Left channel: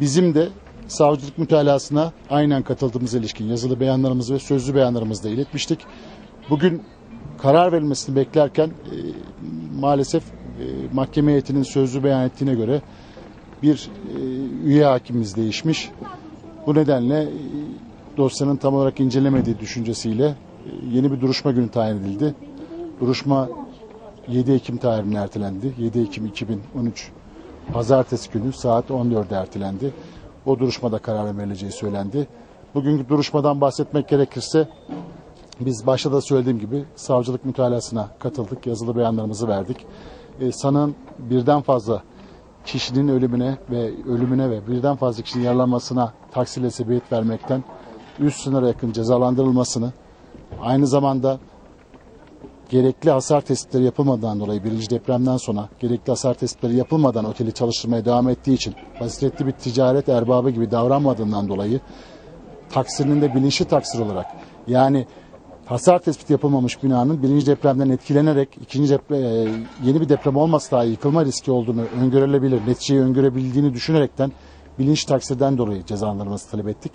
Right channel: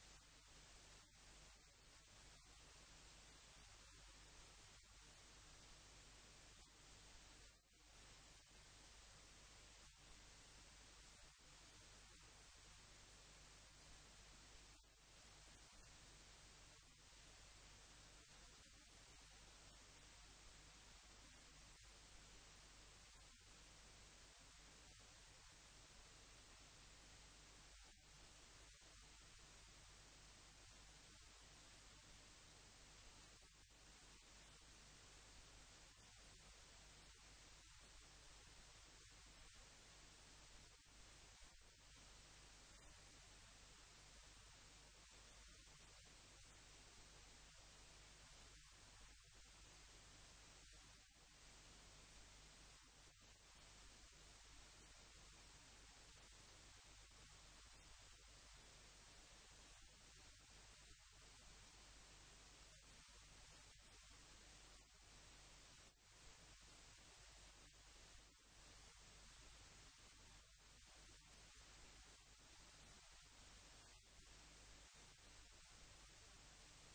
Bizim de savcılık mütalasına aynen katıldığımız ilişkin yazılı beyanlarımızı ve sözlü beyanlarımızı da iletmiştik. Bugün karar verilmesini beklerken maalesef mahkeme heyetinin sözlü beyan ettiğine göre bir üye hakimimiz değişmiş. Bu nedenle dosyanın tam olarak incelemediği düşüncesiyle yeni bir duruşma günü tayin edildi. Duruşma 7 Ekim tarihine ertelendi. 7 Ekim 2013 Pazartesi günü saat 14'e ertelendi. O duruşmada karar verileceği söylendi. Bugünkü duruşmadan bahsetmek gerekirse biz başta da söylediğim gibi savcılık mütalasına katıldık. Yazılı beyanlarımızı verdik. Sanığın birden fazla kişinin ölümüne ve birden fazla kişinin yaralanmasına taksirle sebebiyet vermekten üst sınıra yakın cezalandırılmasını, aynı zamanda gerekli hasar tespitleri yapılmadan dolayı birinci depremden sonra gerekli hasar tespitleri yapılmadan oteli çalıştırmaya devam ettiği için basiretli bir ticaret erbabı gibi davranmadığından dolayı taksirinin de bilinçli taksir olarak, yani hasar tespiti yapılmamış binanın birinci depremden etkilenerek yeni bir deprem olmasa dahi yıkılma riski olduğunu öngörülebilir, neticeyi öngörebildiğini düşünerekten bilinçli taksirden dolayı cezalandırılması talep ettik.